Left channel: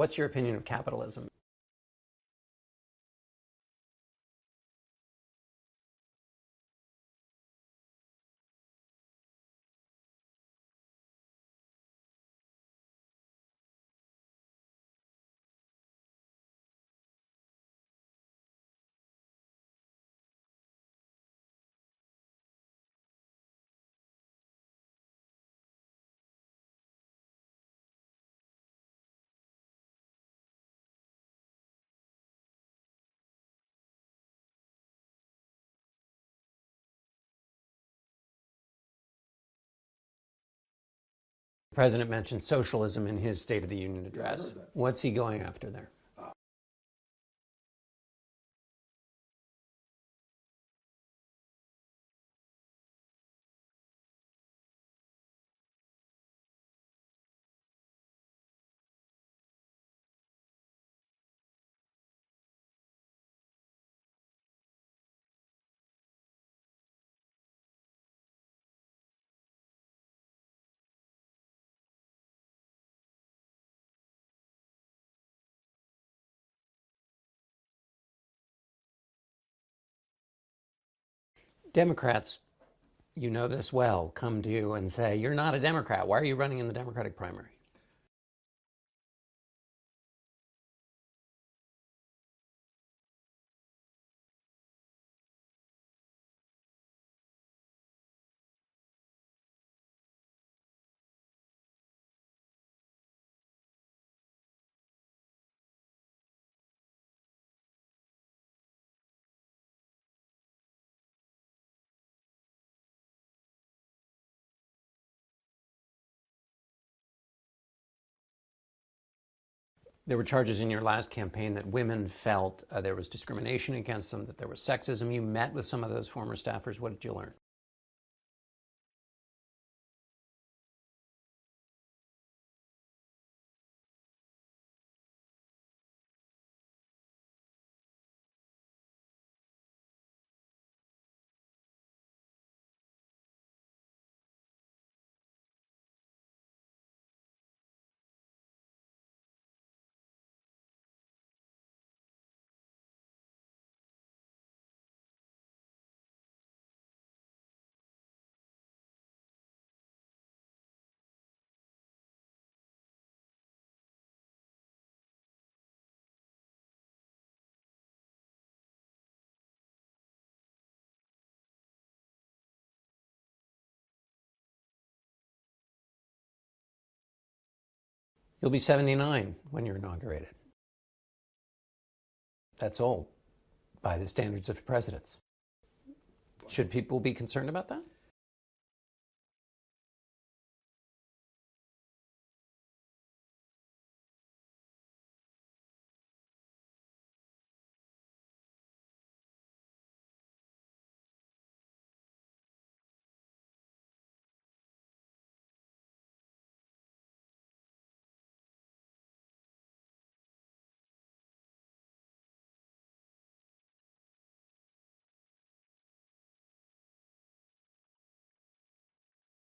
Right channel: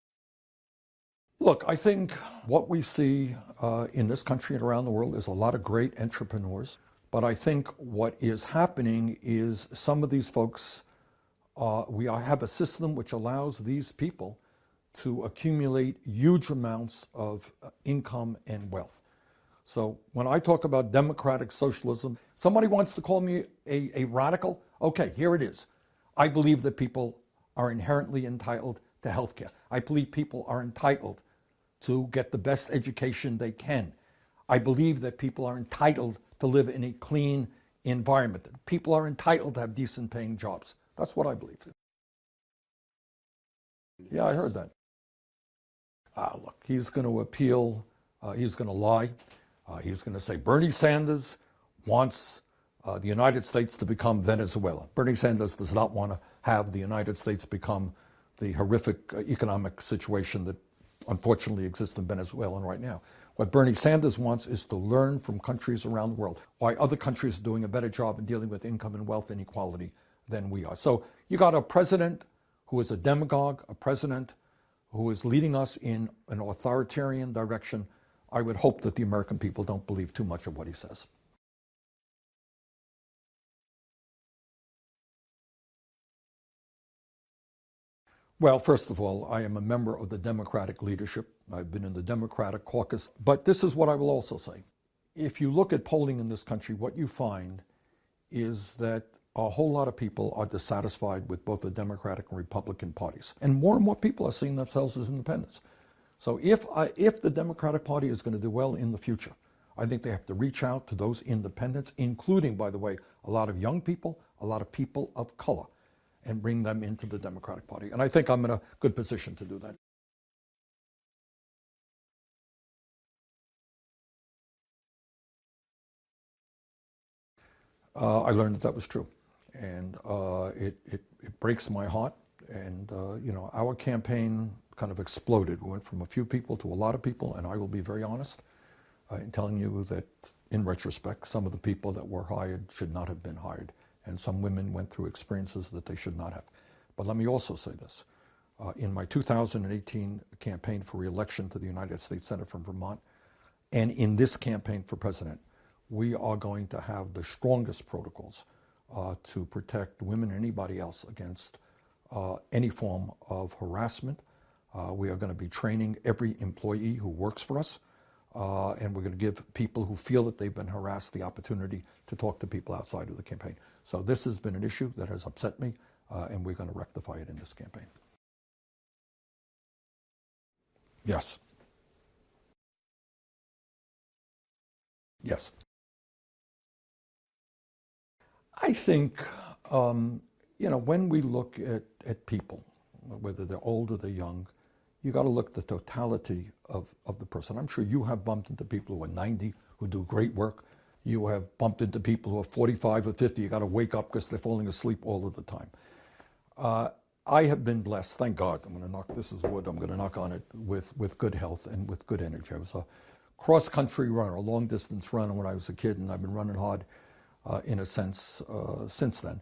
What's your opinion of capitalism? Look, I think what we see in this country and around the world is a lot of great entrepreneurs. But I think what is happening is some of these folks, we have a system which allows these people to accumulate huge amounts of income and wealth. So when I talk about democratic socialism, somebody wants to call me a radical. Okay, here it is. I believe that people are inherently entitled to health care. I believe people are entitled to get the best education they can. I believe that people are entitled to live in a clean environment. People are entitled to have decent paying jobs. That's what I believe. The president mentioned socialism in his State of the Union address. Yeah, I heard that. What's he going after there? Look, he's going to appeal. He's going to lie. He's going to say Bernie Sanders wants the United States to become Venezuela. Bernie Sanders does not want to have the United States become the horrific economic situation that unfortunately exists in Venezuela right now. What Bernie Sanders wants is to learn from countries around the world why other countries are doing a better job in dealing with income and wealth inequality than we are. So you got a president who is a demagogue, a president who is leading us in an authoritarian direction. I would hope that the American people don't believe too much of what he says. Democrats, you know this well, come to you and say, you're not a Democrat. Why are you running in the Democratic primary? Well, first of all, I am a member of the Democratic leadership. I've been in the Democratic caucus. But this is what I will also say. If you look at polling in this country, what you find is that a whole lot of people are dissatisfied with both the Democratic and Republican parties. And more people are seeing themselves as independents. So if the Democratic Party is going to do well in the future, I think they have to reach out to those independents, including, by the way, a lot of young people, a lot of people of color, and bring them into the Democratic Party. And I think I'm in a good position to do that. There were charges in your last campaign that women felt there was discrimination against them, that there was sexism. You met with some of those former staffers. What did you learn? I learned that was true. And it breaks my heart. And, our campaign kind of exploded. We went from a few people to a lot of people. And I will be very honest in telling you that, in retrospect, some of the people that were hired should not have been hired. And some women went through experiences that they should not have. But let me also say this. In my 2018 campaign for re-election to the United States Senate from Vermont, and in this campaign for president, we are going to have the strongest protocols to protect women and anybody else against any form of harassment. We are going to be training every employee who works for us, and we're going to give people who feel that they've been harassed the opportunity to talk to people outside of the campaign. So this has been an issue that has upset me, and we're going to rectify it in this campaign. You'll be 79 when you're inaugurated. Yes. That's old by the standards of presidents. Yes. Should people be concerned about that? I think, when we look at people, whether they're old or they're young, you got to look at the totality of the person. I'm sure you have bumped into people who are 90 who do great work. You have bumped into people who are 45 or 50. You got to wake up because they're falling asleep all of the time. I have been blessed, thank God. This is wood, I'm going to knock on it, with good health and with good energy. I was a cross-country runner, a long-distance runner when I was a kid, and I've been running hard in a sense since then.